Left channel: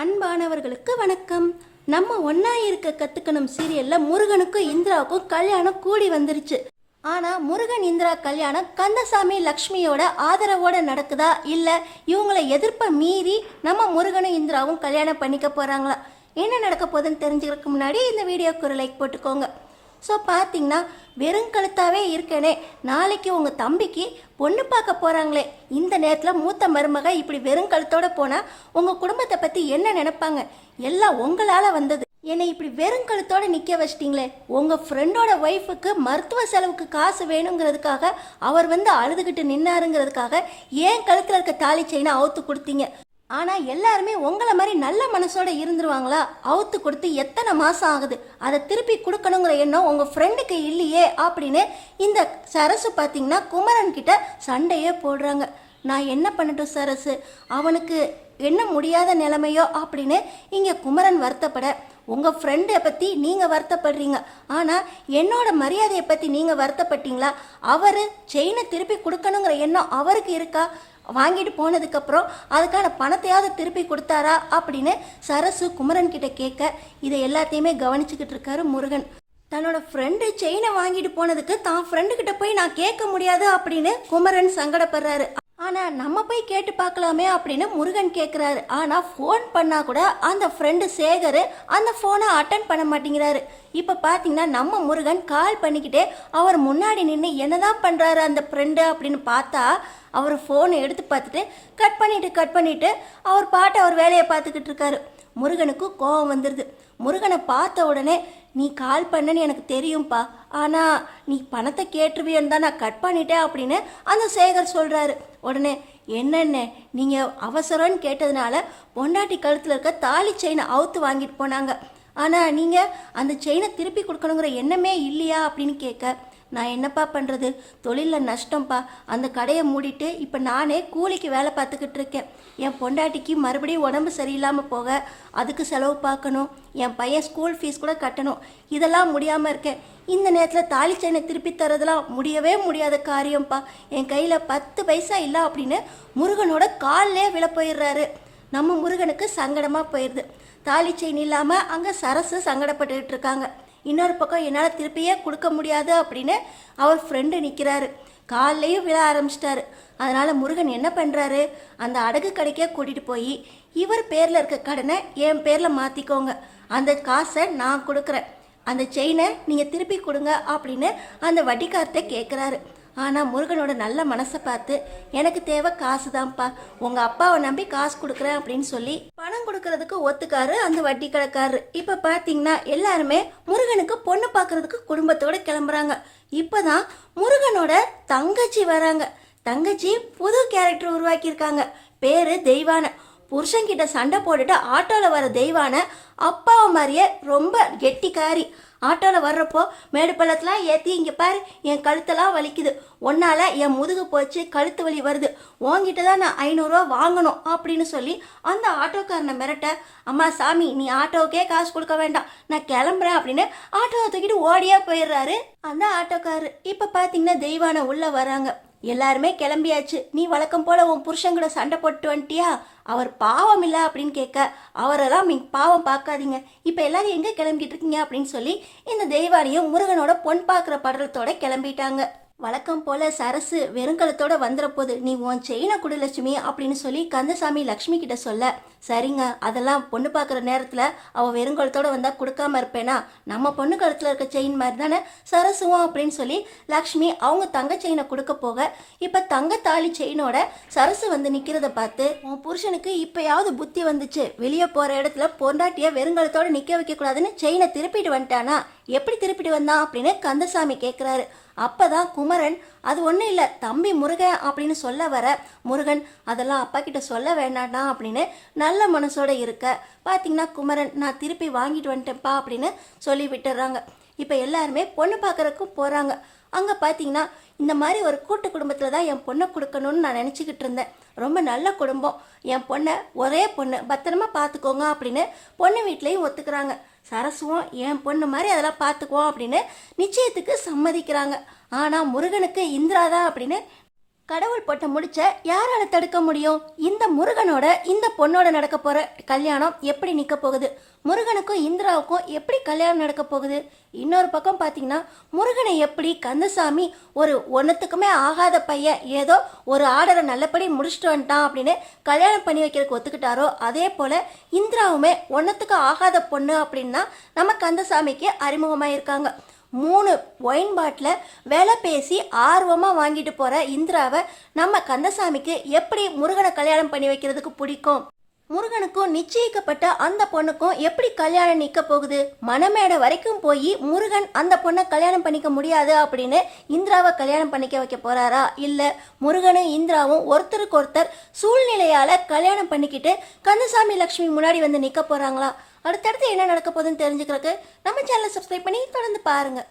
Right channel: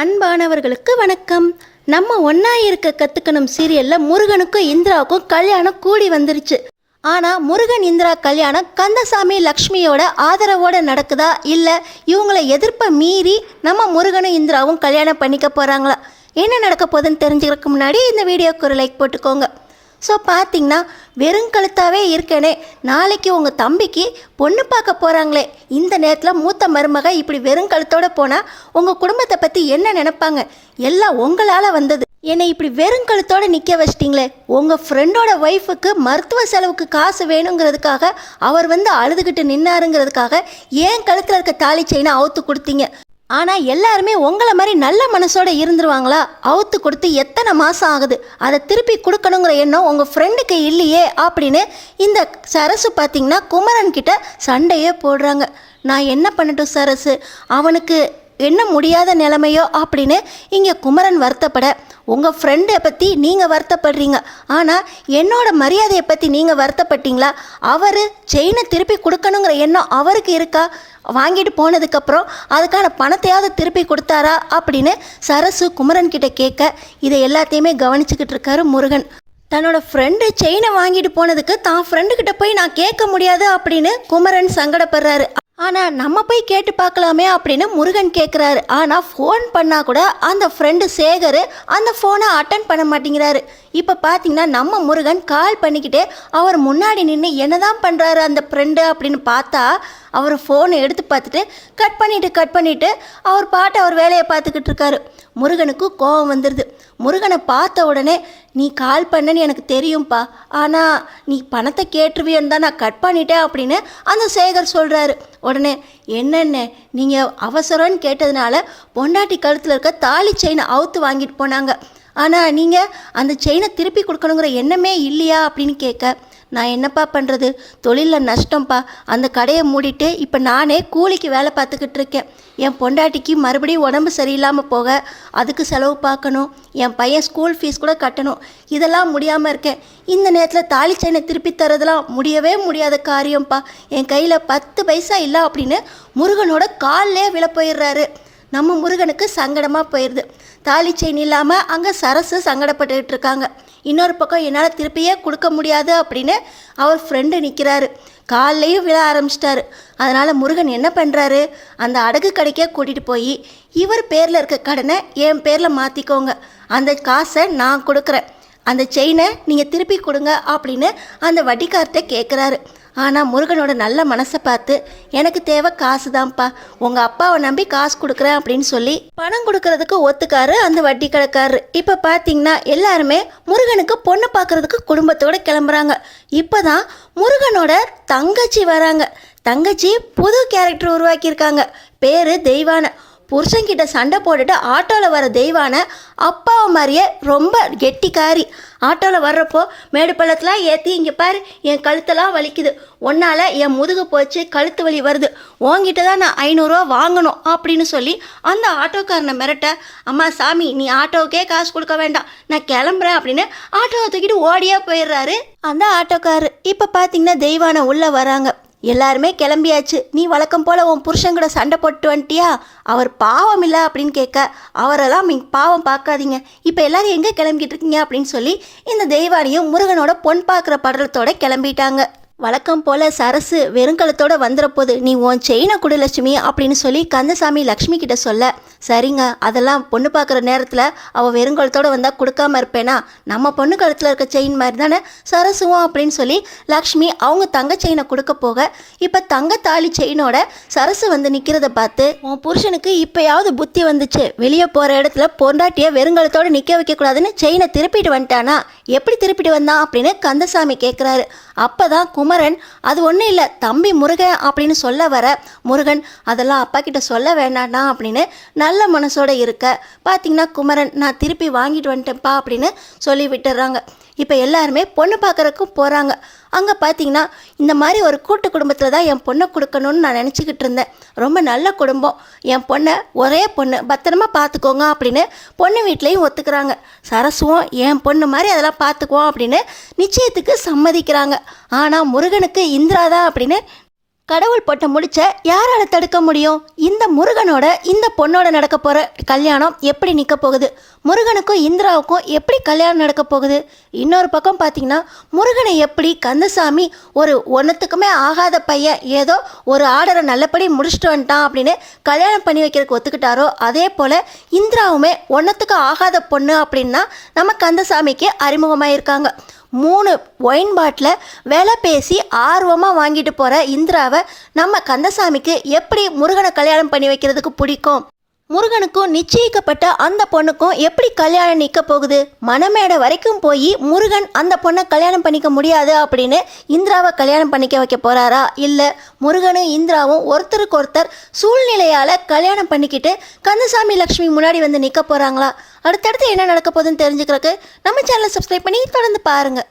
அன்பானவர்களுக்கு வணக்கம். நம்ம ஒன்றா இருக்க கற்றுக்கணும் சீரியலில் முருகனுக்கும் இந்திராவுக்கும் கல்யாணம் கூடி வந்துருச்சு. ஆனால் முருகன் இந்திரா கல்யாணம் கந்தசாமி லக்ஷ்மியோட ஆதரவோடு நடக்குதா இல்லை இவங்களை எதிர்ப்பை மீறி நம்ம முருகனும் இந்திராவும் கல்யாணம் பண்ணிக்க போகிறாங்களா? என்ன நடக்க போகுதுன்னு தெரிஞ்சுக்கிறதுக்கு முன்னாடி இந்த வீடியோக்கு ஒரு லைக் போட்டுக்கோங்க. ஸோ பார்த்தீங்கன்னா வெறுங்கழுத்தாகவே இருக்கேனே, நாளைக்கு உங்கள் தம்பிக்கு பொண்ணு பார்க்க போகிறாங்களே, இந்த நேரத்தில் மூத்த மருமக இப்படி வெறுங்கழுத்தோடு போனால் உங்கள் குடும்பத்தை பற்றி என்ன நினைப்பாங்க? எல்லாம் உங்களால் வந்தது. என்னை இப்படி வெறுங்கழுத்தோடு நிற்க வச்சிட்டிங்களே. உங்கள் ஃப்ரெண்டோட ஒய்ஃபுக்கு மருத்துவ செலவுக்கு காசு வேணுங்கிறதுக்காக அவர் வந்து அழுதுகிட்டு நின்னாருங்கிறதுக்காக ஏன் கழுத்தில் இருக்க தாலி செயினை அவுத்து கொடுத்தீங்க. ஆனால் எல்லாருமே உங்களை மாதிரி நல்ல மனசோட இருந்துருவாங்களா? அவுத்து கொடுத்து எத்தனை மாதம் ஆகுது, அதை திருப்பி கொடுக்கணுங்கிற எண்ணம் உங்கள் ஃப்ரெண்டுக்கு இல்லையே அப்படின்னு இந்த சரசு பார்த்திங்கன்னா குமரன்கிட்ட சண்டையே போடுறாங்க. நான் என்ன பண்ணட்டும் சரசு, அவனுக்கு என்ன முடியாத நிலைமையோ அப்படின்னு இங்கே குமரன் வருத்தப்பட, உங்கள் ஃப்ரெண்டை பற்றி நீங்கள் வருத்தப்படுறீங்க, ஆனால் என்னோட மரியாதையை பற்றி நீங்கள் வருத்தப்பட்டீங்களா? அவர் செயினை திருப்பி கொடுக்கணுங்கிற எண்ணம் அவருக்கு இருக்கா? வாங்கிட்டு போனதுக்கப்புறம் அதுக்கான பணத்தையாவது திருப்பி கொடுத்தாரா அப்படின்னு சரசு குமரன் கிட்ட கேட்க, இதை எல்லாத்தையுமே கவனிச்சுக்கிட்டு இருக்காரு முருகன். தன்னோட ஃப்ரெண்டு செயினை வாங்கிட்டு போனதுக்கு தான் ஃப்ரெண்டுக்கிட்ட போய் நான் கேட்க முடியாது அப்படின்னு குமரன் சங்கடப்படுறாரு. ஆனால் நம்ம போய் கேட்டு பார்க்கலாமே அப்படின்னு முருகன் கேட்குறாரு. ஆனால் ஃபோன் பண்ணால் கூட அந்த ஃப்ரெண்டு சேகர் அந்த ஃபோனை அட்டன் பண்ண மாட்டேங்கிறாரு. இப்போ பார்த்தீங்கன்னா நம்ம முருகன் கால் பண்ணிக்கிட்டே அவர் முன்னாடி நின்று என்ன தான் பண்ணுறாரு அந்த ஃப்ரெண்டு அப்படின்னு பார்த்தா, அவர் ஃபோனை எடுத்து பார்த்துட்டு கட் பண்ணிவிட்டு அவர் பாட்டு அவர் வேலையை பார்த்துக்கிட்டு இருக்காரு. முருகனுக்கு கோபம் வந்துடுது. முருகனை பார்த்த உடனே, நீ கால் பண்ணன்னு எனக்கு தெரியும்ப்பா, ஆனால் நீ பணத்தை கேட்டுருவியன்னு தான் நான் கட் பண்ணிட்டேன் அப்படின்னு அந்த சேகர் சொல்கிறாரு. உடனே, என்னென்ன நீங்கள் அவசரம்னு கேட்டதுனால பொண்டாட்டி கழுத்தில் இருக்க தாலி செயினை அவுத்து வாங்கிட்டு போனாங்க, ஆனால் நீங்கள் அந்த செயினை திருப்பி கொடுக்கணுங்கிற எண்ணமே இல்லையா அப்படின்னு கேட்க, நான் என்னப்பா பண்ணுறது, தொழிலில் நஷ்டம்ப்பா, அந்த கடையை மூடிட்டு இப்போ நானே கூலிக்கு வேலை பார்த்துக்கிட்டு இருக்கேன். என் பொண்டாட்டிக்கு மறுபடியும் உடம்பு சரியில்லாமல் போக அதுக்கு செலவு பார்க்கணும், என் பையன் ஸ்கூல் ஃபீஸ் கூட கட்டணும், இதெல்லாம் முடியாமல் இருக்கேன். இந்த நேரத்தில் தாலி செயினை திருப்பி தரதெல்லாம் முடியவே முடியாத காரியம்ப்பா, என் கையில் 10 பைசா இல்லை அப்படின்னு முருகனோட காலிலே விழ போயிடுறாரு. நம்ம முருகனுக்கு சங்கடமாக போயிடுது. தாலி செயின் இல்லாமல் அங்கே சரசு சங்கடப்பட்டுக்கிட்டு இருக்காங்க. இன்னொரு பக்கம் என்னால் திருப்பியே கொடுக்க முடியாது அப்படின்னு அவர் ஃப்ரெண்டு நிற்கிறாரு. காலையும் விழ ஆரம்பிச்சிட்டாரு. அதனால் முருகன் என்ன பண்ணுறாரு, அந்த அடகு கடைக்கே கூட்டிகிட்டு போய் இவர் பேரில் இருக்க கடனை என் பேரில் மாற்றிக்கோங்க, அந்த காசை நான் கொடுக்குறேன், அந்த செயினை நீங்கள் திருப்பி கொடுங்க அப்படின்னு அந்த வட்டிக்கார்ட்ட கேட்குறாரு. ஆனால் முருகனோட நல்ல மனசை பார்த்து, எனக்கு தேவை காசு தான்ப்பா, உங்கள் அப்பாவை நம்பி காசு கொடுக்குறேன் அப்படின்னு சொல்லி பணம் கொடுக்கறதுக்கு ஒத்துக்காரு அந்த வட்டி கடைக்காரரு. இப்போ பார்த்தீங்கன்னா எல்லாருமே முருகனுக்கு பொண்ணு பார்க்குறதுக்கு குடும்பத்தோடு கிளம்புறாங்க. இப்போ தான் முருகனோட தங்கச்சி வராங்க. தங்கச்சி புது கேரக்டர் உருவாக்கியிருக்காங்க. பேர் தெய்வானை. புருஷன்கிட்ட சண்டை போட்டுட்டு ஆட்டோவில் வர தெய்வானை அப்பாவை மாதிரியே ரொம்ப கெட்டிக்காரி. ஆட்டோவில் வர்றப்போ மேடு பள்ளத்தெலாம் ஏற்றி, இங்கே பாரு என் கழுத்தெல்லாம் வலிக்குது, ஒன்றால் என் முதுகு போச்சு, கழுத்து வலி வருது, உங்ககிட்ட தான் நான் 500 ரூபா வாங்கணும் அப்படின்னு சொல்லி அந்த ஆட்டோக்காரனை மிரட்ட, அம்மா சாமி நீ ஆட்டோவுக்கே காசு கொடுக்க வேண்டாம், நான் கிளம்புறேன் அப்படின்னு ஆட்டோவை தூக்கிட்டு ஓடியே போயிடுறாரு அந்த ஆட்டோக்காரரு. இப்போ பார்த்தீங்கன்னா தெய்வானை உள்ளே வராங்க. எல்லாருமே கிளம்பியாச்சு, நீ வழக்கம் போல் உன் புருஷன் சண்டை போட்டு வந்துட்டியா, அவர் பாவம் இல்லை அப்படின்னு கேட்க, அவரெல்லாம் நீங்கள் பாவம் பார்க்காதீங்க, இப்போ எல்லோரும் எங்கே கிளம்பிக்கிட்டு இருக்கீங்க அப்படின்னு சொல்லி இந்த தெய்வானையும் முருகனோட பொன் பார்க்குற படலத்தோட கிளம்பிட்டாங்க. வழக்கம் போல் சரசு வெறுங்கலத்தோடு வந்துடப்போது, நீ உன் செயினை கொடு லட்சுமி அப்படின்னு சொல்லி கந்தசாமி லக்ஷ்மி கிட்ட சொல்ல, சரிங்க அதெல்லாம் பொண்ணு பார்க்குற நேரத்தில் அவள் வெறுங்கலத்தோடு வந்தால் கொடுக்காம இருப்பேனா, நம்ம பொண்ணு கழுத்தில் இருக்க செயின் மாதிரி தானே சரசுவோம் அப்படின்னு சொல்லி லக்ஷ்மி அவங்க தங்க செயினை கொடுக்க போக, இப்போ தங்க தாலி செயினோட சரசு வந்து நிற்கிறத பார்த்து, உன் புருஷனுக்கு இப்போயாவது புத்தி வந்துச்சு, வெளியே போகிற இடத்துல பொண்டாட்டியை வெறுங்கலத்தோடு நிற்க வைக்கக்கூடாதுன்னு செயினை திருப்பிட்டு வந்துட்டானா, எப்படி திருப்பிட்டு வந்தான் அப்படின்னு கந்தசாமி கேட்குறாரு. அப்போ தான் குமரன், அது ஒன்றும் இல்லை தம்பி முருகன் அப்படின்னு சொல்ல வர, முருகன் அதெல்லாம் அப்பா கிட்ட சொல்ல வேண்டாண்டா அப்படின்னு நல்ல மனசோட இருக்க, பார்த்திங்கன்னா குமரன் நான் திருப்பி வாங்கிட்டு வந்துட்டேன்ப்பா அப்படின்னு சொல்லி விட்டுறாங்க. இப்போ எல்லாருமே பொண்ணு பார்க்குறக்கும் போகிறாங்க. அங்கே பார்த்தீங்கன்னா இந்த மாதிரி ஒரு கூட்டு குடும்பத்தில் தான் என் பொண்ணை கொடுக்கணும்னு நான் நினச்சிக்கிட்டு இருந்தேன். ரொம்ப நல்ல குடும்பம், என் பொண்ணை ஒரே பொண்ணு பத்திரமா பார்த்துக்கோங்க அப்படின்னு பொண்ணு வீட்லேயும் ஒத்துக்கிறாங்க. சரசுவும் என் பொண்ணு மாதிரி அதெல்லாம் பார்த்துக்குவோம் அப்படின்னு நிச்சயத்துக்கு சம்மதிக்கிறாங்க. ஆனால் முருகனுக்கு இந்திரா தான் அப்படின்னு கடவுள் போட்ட முடிச்ச யாரால தடுக்க முடியும்? இந்த முருகனோட இந்த பொண்ணோட நடக்க போற கல்யாணம் எப்படி நிற்க போகுது? முருகனுக்கும் இந்திராவுக்கும் எப்படி கல்யாணம் நடக்க போகுது? இன்னொரு பக்கம் பார்த்தீங்கன்னா முருகனை எப்படி கந்தசாமி ஒரு ஒன்றுத்துக்குமே ஆகாத பையன் ஏதோ ஒரு ஆர்டரை நல்லபடி முடிச்சுட்டு வந்துட்டான் அப்படின்னு கல்யாணம் பண்ணி வைக்கிறதுக்கு ஒத்துக்கிட்டாரோ, அதே போல் இந்திராவுமே ஒன்றுத்துக்கு ஆகாத பொண்ணு அப்படின்னா நம்ம கந்தசாமிக்கு அறிமுகமாக இருக்காங்க. 3 ஒயின் பாட்டில் விலை பேசி ஆர்வமாக வாங்கிட்டு போகிற இந்திராவை நம்ம கந்தசாமிக்கு எப்படி முருகனை கல்யாணம் பண்ணி வைக்கிறதுக்கு பிடிக்கும்? முருகனுக்கும் நிச்சயிக்கப்பட்ட அந்த பொண்ணுக்கும் எப்படி கல்யாணம் நிற்க போகுது? மணமேடை வரைக்கும் போய் முருகன் அந்த பொண்ணை கல்யாணம் பண்ணிக்க முடியாது அப்படின்னு இந்திராவை கல்யாணம் பண்ணிக்க வைக்க போகிறாரா? இல்லை முருகனும் இந்திராவும் ஒருத்தருக்கு ஒருத்தர் சூழ்நிலையால் கல்யாணம் பண்ணிக்கிட்டு கந்தசாமி லக்ஷ்மி முன்னாடி வந்து நிற்க போகிறாங்களா? அடுத்தடுத்து என்ன நடக்க போகுதுன்னு தெரிஞ்சுக்கிறதுக்கு நம்ம சேனலை சப்ஸ்கிரைப் பண்ணி தொடர்ந்து பாருங்கள்.